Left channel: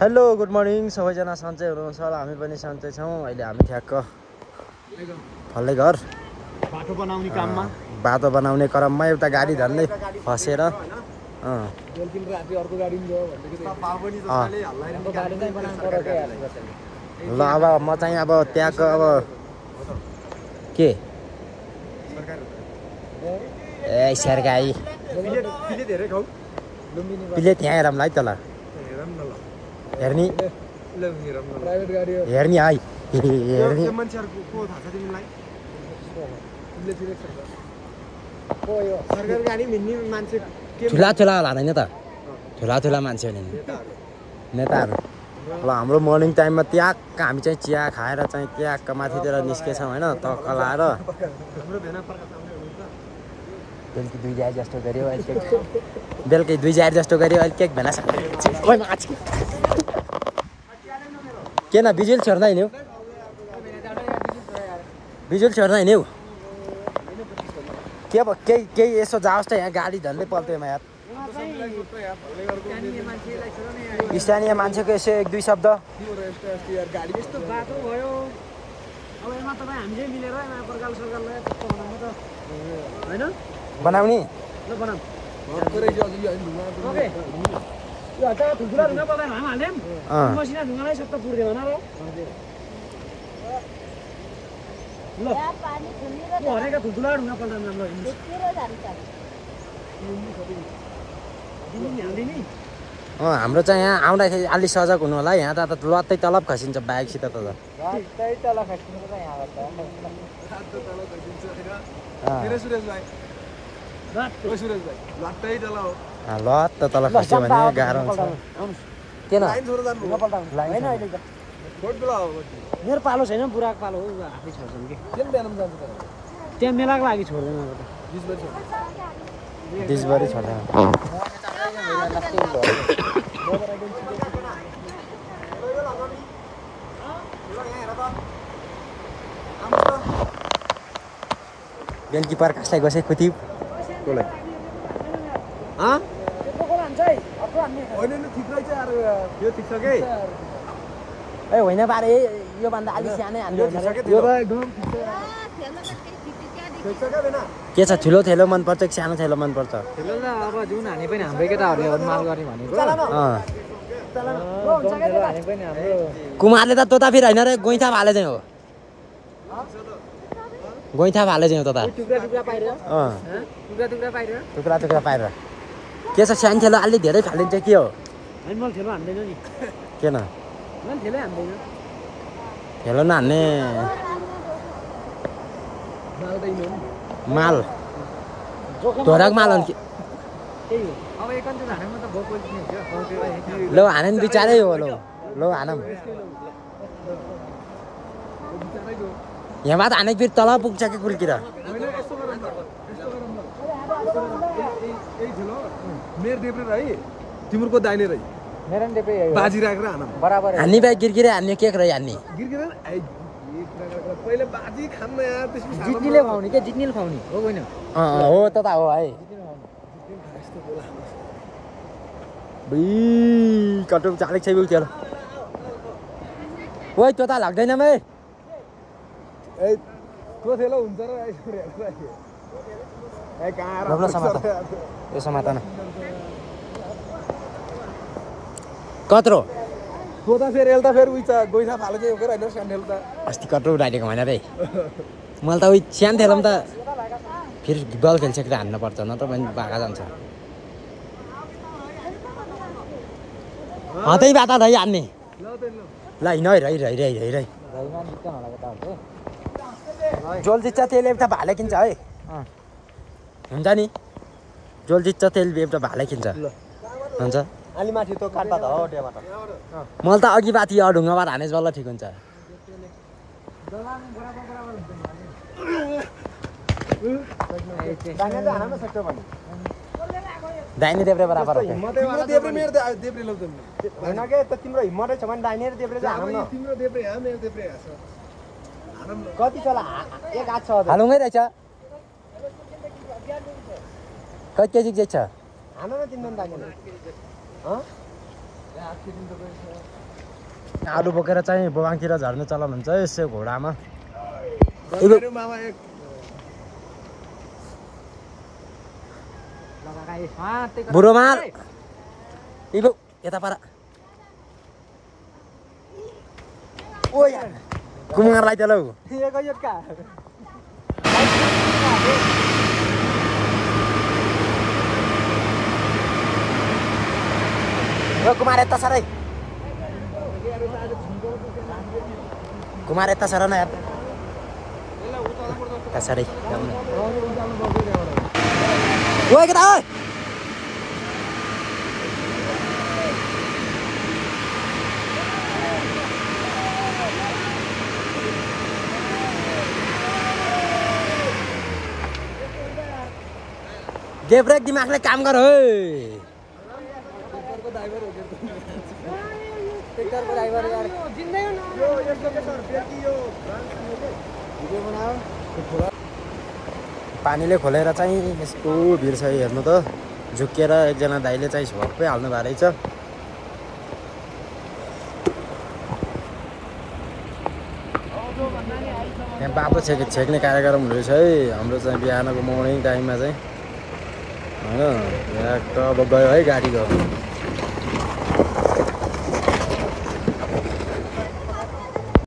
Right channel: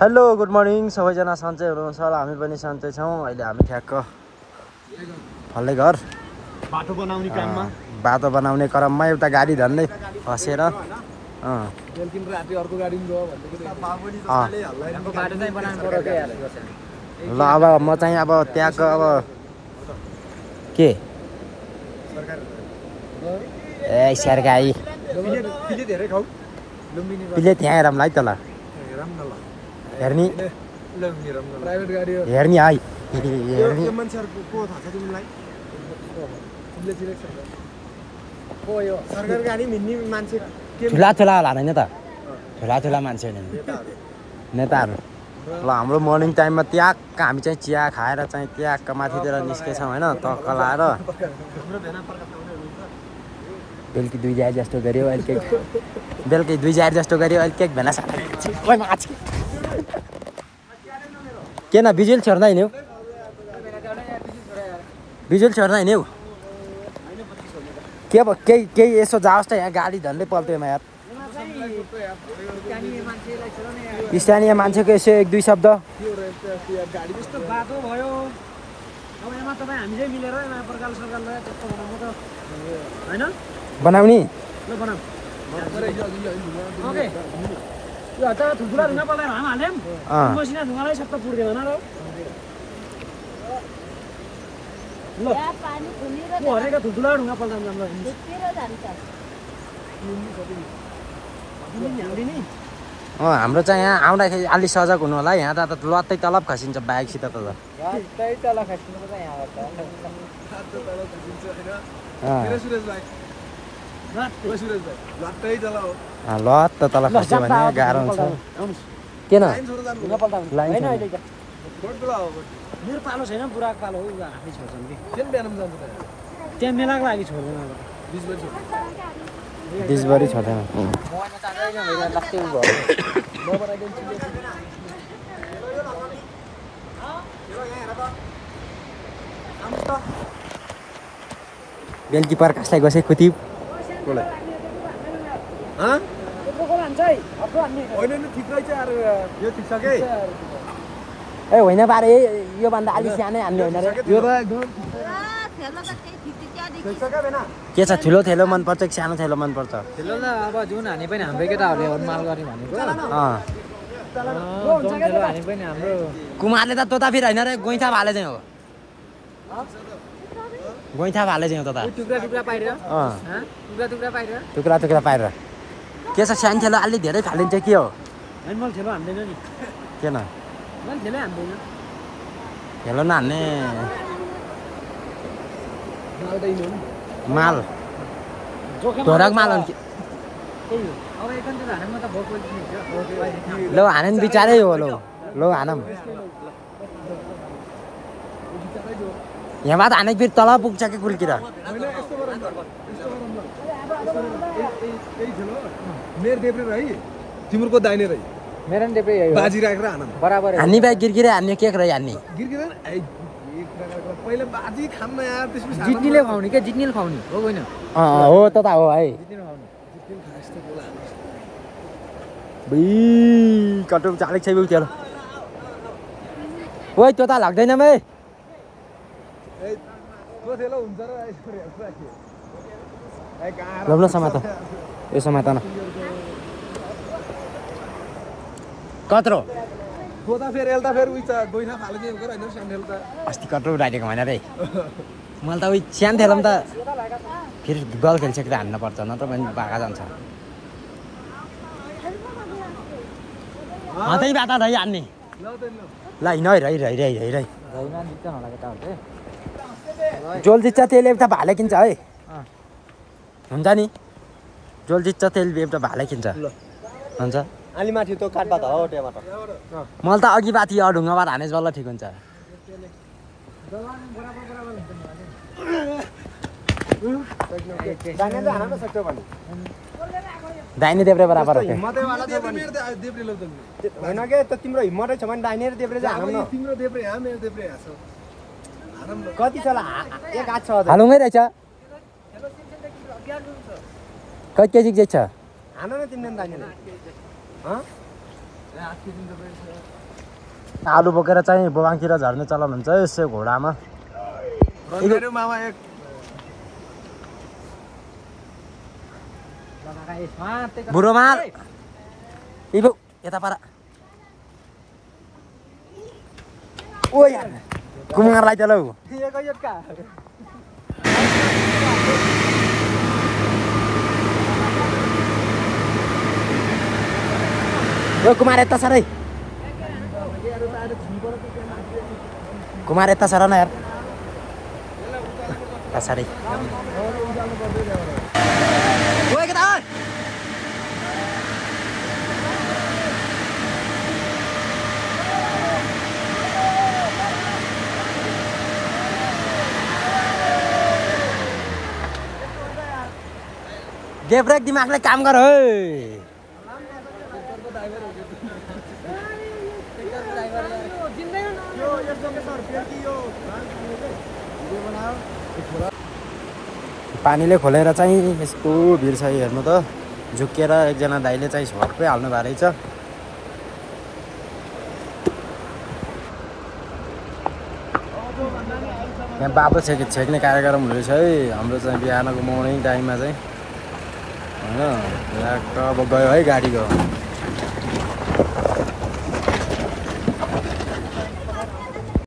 hello good morning सबैजना सन्चै हुनुहुन्छ होला हामी पनि सन्चै छौँ अहिले हामी ठ्याक्क फल्दै घर बाटो बनाउने क्रममा एउटा गाडी झन्डै फसेर ल अब म चाहिँ अब त्यहाँको अब के ए सरकारी पिले त्यहाँ हेरौँला है त ल हेर्ने हेर्ने है हेर्ने ठुला ठुला होला होइन त ठुला ठुला मान्छे नेताहरू ल हाम्रो मर्निङ टाइममा त्यहाँ हामी चाहिँ चिया खाएर चाहिँ त्यहाँ माथितिर निस्केछौँ होइन तक्क लाएर बेलुकी 2 जार जस्तो गऱ्यो अहिले बेलुकी 2 जार जस्तो गऱ्यो अहिले केक भेना किन बिजुल छोड्दा हिँड्यो बिजुल छोड्दा हिँड्यो के भयो केही यसो जाओस् त यहाँ गाडी झन्डै पल्टेन यार स्थानीय मान्छेको यसो 1-2 शब्द बनाउने हाम्रो चाहिँ यहाँ आउँदाखेरि अलि सजग हुनु होला यहाँ त लत्तै तलब खसिन्छ बाइकसित त लत्त तल खस्यो भने गाह्रो हुन्छ किन मोर पालो छैन बुढाको पालो हो आफै छोड्छन् कि त्यहाँ मेलाको लागि छोड्दैन दिसभरि छोड्दैन बेलुकी प्रकाशलाई गसे खुती होइन बारे योभन्दा अलिक सानै हान्ने होइन के छ ठुलो थेलो मनपर्छ कि सानो थेलो मनपर्छ थेलो त अब जुन हाने पनि हाम्रै केटाहरूले माल गर्ने भनेको हाने पनि हाम्रो कुमारले त तोता फेरि होइन रे गोइठा भाले चाहिँ हो गोइठा भाले चाहिँ हो तोता टुक्रा टुक्रा पारेर के छ सानो थेलो अलि धेरै फालिन्छ के हो मैले थेलो हान्दैन नि किन मैले थेलै हान्दैन थेलो नहान्ने माल धोराको माल हो नि लो हाने बिचारै हो लो हानम यहाँबाट हानेको फेरि तल पुग्छ कि कुल्किर तिम्रो दाहिने रही मेरो नि देब्रे बाजी राखेर हानम बराबर हान्ने बाई गिरगिरे हान्ने के रही हान्ने पहिले बाजी खान्न यार त्यसपछि जित्नेले खुवाउने के जित्नेले खुवाउने हो होइन हो त हो है कटो चालेको छ त्यो ओ त्यो त लाग्दैन बे रोक्नु समय त यो समय त न कत्रो अस्ति कत्रो उठाइदिएको होइन रे मैले त उयो सानो थेलो त फेरि बल खेलिसकेर हान्न पर्छ नत्र पनि भागा जान्छ त्यही बात है हान्ने ल हिँड है जोल जित्छ तेल एउटा भाले किन्छ है हुन्छ नि जोल जित्छ तेल एउटा भाले किन्छ हुन्छ अलिमाथि त्यो काट्दा त हो त्यहाँबाट मलाई त अघि बाथी ढुङ्गाबाट हानेस बल्ल ठिक हुन्छ दाहिने देब्रे बराबर हो तिम्रो हिम्मतै छ भने दाहिने देब्रे तिम्रो देब्रे यहाँ मेरो देब्रे यहाँ छ कति छ एक हात छ हालुङै रहेछ कति केजी चाहिँ छ हान न तिमीले दाहिने आलु बोकेर चाहिँ बोबाङतिर झर्ने चलन हुन्छ यसो घोडामा मामा एक बुढोमाल इलु यता पारा ओ कुमारलाई त लौ कुमार यता सर कुमार यता सर न यार साह्रै ओ केटा दे ब्रेक दिमागले काम गर है पानीले खोलेर चाहिँ यस्तो भिड छ हेर्नु त झुकेर एकजना दाइले चाहिँ झोप्पै हाल्नु भएको रहेछ यहाँ बाटो छेक्ने कार्यक्रम हुँदैछ है हाम्रो चाहिँ बिहानको मर्निङ टाइममा चाहिँ होइन यहाँ अब गयो है गाडी गयो